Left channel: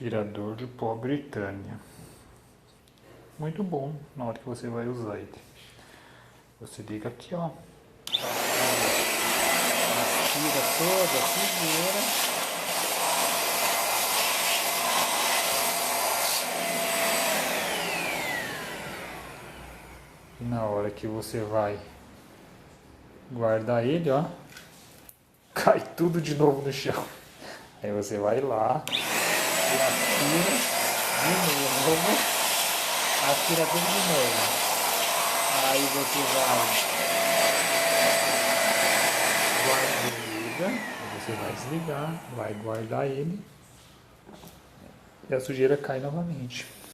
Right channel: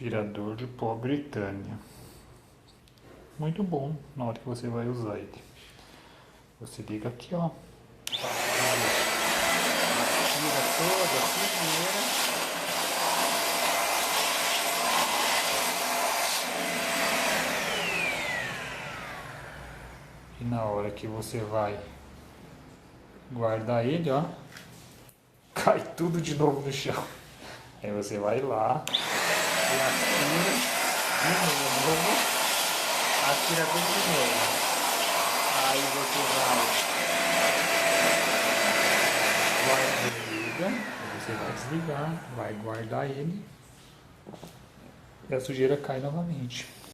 aspirador de pó Britânia. Muito bom na hora que você vai usar ele. Você liga aqui, ó. Aspira toda a sujeira. E na hora que você vai guardar ele, ó, cai tudo de novo no chão. Aí você vai lá e aspira de novo, aspira tudo de novo. Aí você vai você vai desligar, vai guardar ele e a sujeira cai novamente.